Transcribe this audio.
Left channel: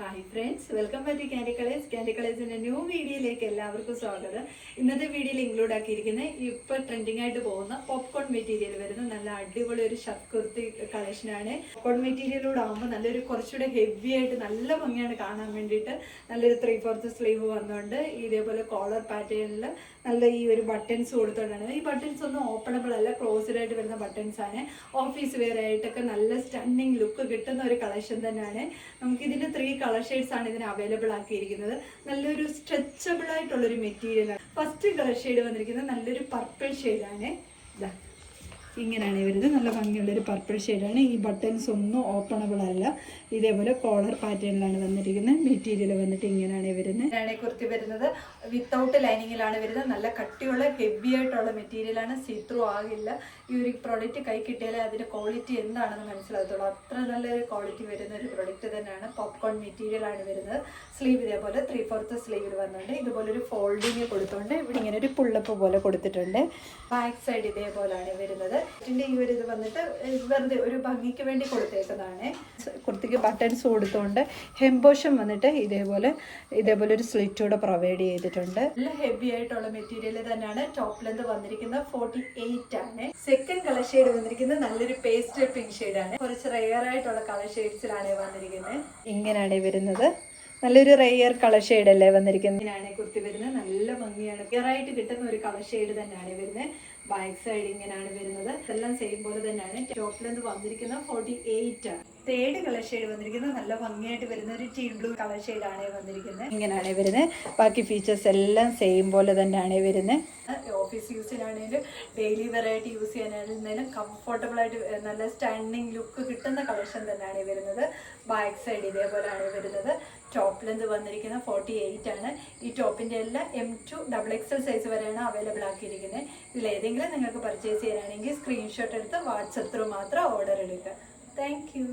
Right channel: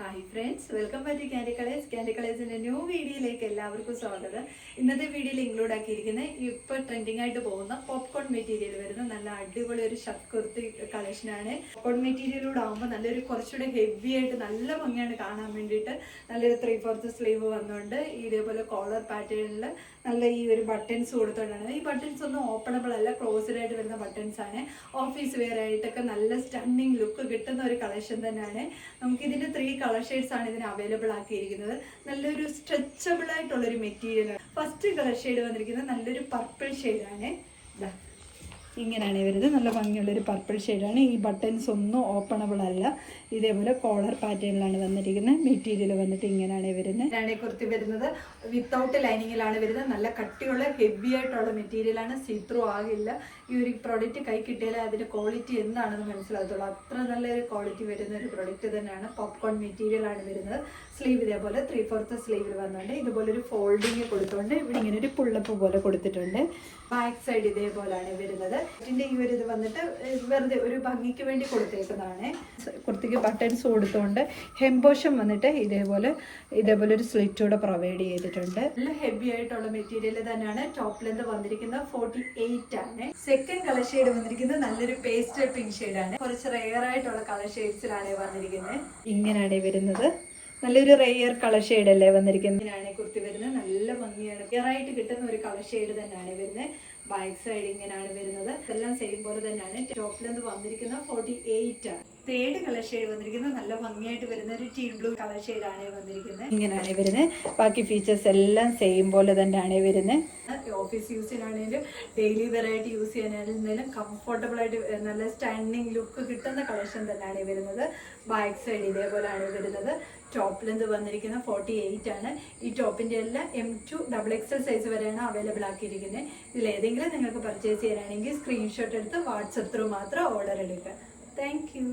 Hi friends, welcome back to Candy Colours. Candy കളേഴ്സിന്റെ new വീഡിയോയിലേക്ക് എല്ലാവർക്കും സ്വാഗതം. ഇന്നത്തെ വീഡിയോയിൽ ഇൻക്ലൂഡ് ആക്കിയിരിക്കുന്ന ഇപ്പൊ ട്രെൻഡിങ് ആയിട്ട് പോകുന്ന പോപ്കോൺ മെറ്റീരിയൽ വരുന്ന നല്ല അടിപൊളി ഒരു ഷർട്ട് കുർത്തി കളക്ഷനാണ്. പോപ്കോൺ മെറ്റീരിയലൂടെ ആകുമ്പോൾ നല്ലൊരു കുറച്ചുകൂടെ ഹെവി ആയിട്ട് നല്ല ഭംഗിയാണ് കാണാൻ വേണ്ടിയിട്ട്. നല്ലൊരു 3/4 സ്ലീവ് വന്നുകൊണ്ട് ഇതേപോലെ കോളർ പാറ്റേണിൽ നല്ല ഈ ഒരു ബട്ടൺസ് കൊടുത്തോണ്ടാണ്. ഈ ബട്ടൺസ് ഒന്നും ഓപ്പണബിൾ അല്ല, ക്ലോസ്ഡ് ആയിട്ട് വരുന്ന ബട്ടൺസ് ആണ്. ഓഫീസ് വെയർ ആയിട്ടൊക്കെ നല്ല സ്റ്റണ്ണിങ് ലുക്ക് കിട്ടുന്ന ഒരു കളക്ഷൻ തന്നെയാണ്. നമുക്കിതിൽ 3 കളർ ഷെയ്ഡ്സ് ആണ് ഇതിന് അവൈലബിൾ ആക്കിയിരിക്കുന്നത്. നല്ലൊരു സ്ട്രെച്ചബിൾ ആയിട്ടുള്ളൊരു മെറ്റീരിയൽ ആണ്. ഫസ്റ്റ് കളർ ഷെയ്ഡ് വന്നിരിക്കുന്നത് നല്ലൊരു പർപ്പിൾ ഷെയ്ഡാണ്. ഇതാ ഇങ്ങനെയാണ് വരുന്നത്. നല്ല ഭംഗിയുള്ളൊരു പർപ്പിൾ ഷെയ്ഡാണ്. ഈ ബട്ടൺസ് ഒന്നും ഓപ്പണബിൾ അല്ല. ഇതേപോലെ കോളർ പാറ്റേണിലാണ് വന്നിരിക്കുന്നത്. മെറ്റീരിയൽ വന്നിട്ട് ഇങ്ങനെയാണ് വരുന്നത്. ഇതാണ് കുർത്തി വരുന്നത്. വിത്തൗട്ട് ലൈനിങ്ങിലാണ് വരുന്നത്. നല്ല കട്ടിയുള്ള ഹെവി ആയിട്ടുള്ള മെറ്റീരിയലാണ്. സീത്രൂ ആകില്ല. ഈ ഒരു പ്രോഡക്റ്റ് കൈ കിട്ടിയാലേ അതിന്റെ ക്വാളിറ്റി എന്താണെന്ന് മനസ്സിലാകത്തുള്ളൂ. അത്ര നല്ലൊരു ക്വാളിറ്റി വരുന്ന ഒരു പ്രൊഡക്റ്റ് തന്നെയാണ്. പോപ്കോൺ മെറ്റീരിയൽ ആണ് വരുന്നത്. സ്ലീവ് ഇതേപോലെ 3/4 സ്ലീവിൽ വന്നുകൊണ്ട് ഇതുപോലെ ഒരു ഫോൾഡിങ് കൊടുത്തുകൊണ്ട് ഇവിടെ ഇങ്ങനെ ഒരു പുള്ളപ്പ് പോലെ കൊടുത്തിട്ടുണ്ട്. ബാക്ക് സൈഡ് ഇതേപോലെയാണ് വരുന്നത്. ഇതിന്റെ ഈ ഒരു ഇത് വന്നിട്ട് വെറുതെ ഒരു ഭംഗിക്ക് വേണ്ടി കൊടുത്തേക്കുന്നതാണ്. കുർത്തിക്ക് ബട്ടൺസ് കൊടുത്തുകൊണ്ട് ഹെംബോഷം വന്നിട്ട് ഇതേപോലെ ഒരു സ്ലിറ്റ് കൂടെ പ്രൊവൈഡ് ചെയ്തിട്ടുണ്ട്. നല്ല ഹെവി ആയിട്ടുള്ള മെറ്റീരിയൽ തന്നെയാണ്. ടോപ്പ് ലെന്ത് വന്നിരിക്കുന്നത് 48 ആണ്. സെക്കൻഡ് കളർ ഷെയ്ഡ് വന്നിരിക്കുന്നത് നല്ലൊരു പേസ്റ്റൽ പിങ്ക് ഷെയ്ഡാണ്. കുറച്ച് റെയർ ആയിട്ടുള്ള കളർ ഷെയ്ഡ്സിലാണ് വന്നിരിക്കുന്നത്. ഇങ്ങനെയാണ് വരുന്നത്. നല്ലൊരു റെയർ കളർ ഷെയ്ഡ് അല്ലേ വന്നിരിക്കുന്നത്. ഇങ്ങനെയാണ് കുർത്തി വരുന്നത്. നല്ല ഭംഗിയാണ്. റെയർ ആയിട്ട് കിട്ടുന്ന ഒരു കളർ ഷെയ്ഡ് തന്നെയാണ് വരുന്നത്. ബാക്ക് സൈഡ് ഇങ്ങനെയാണ് വരുന്നത്. എല്ലാം സെയിം പോലെ തന്നെയാണ്. ടോപ്പ് ലെന്ത് വന്നിരിക്കുന്നത് 48 ആണ്. തേർഡ് കളർ ഷെയ്ഡ് വന്നിരിക്കുന്നത് നല്ല ഭംഗിയായിട്ട് വരുന്ന ഒരു ടീ ബ്ലൂ കളർ ഷെയ്ഡാണ് വന്നിരിക്കുന്നത്. ഇങ്ങനെയാണ് വരുന്നത്. ബാക്കി ഫീച്ചേഴ്സ് എല്ലാം സെയിം പോലെ തന്നെയാണ് വരുന്നത്. ഓഫീസ് യൂസിനാണെങ്കിലും ഡെയിലി വെറൈറ്റി യൂസ് ചെയ്യാനാണെങ്കിലും കംഫർട്ടബിൾ ആയിട്ട് നല്ല സ്റ്റാൻഡിങ് ലുക്ക് കിട്ടുന്ന കളക്ഷൻ തന്നെയാണ് വരുന്നത്. ബാക്ക് സൈഡ് ഇതേപോലെയാണ് വരുന്നത്. ടോപ്പ് ലെന്ത് വന്നിരിക്കുന്നത് 48 ആണ്. ഈ ടോപ്പിന്റെ എല്ലാം M2 XXL സൈസ് വരെയാണ് അവൈലബിൾ ആക്കിയിരിക്കുന്നത്. ഇതിൽ ഏതെങ്കിലും നിങ്ങൾക്ക് പർച്ചേസ് ചെയ്യാനാണെങ്കിൽ സ്ക്രീൻഷോട്ട് എടുത്ത് വാട്സപ്പ് ത്രൂ മാത്രം ഓർഡർ എടുക്കുക. Thank you.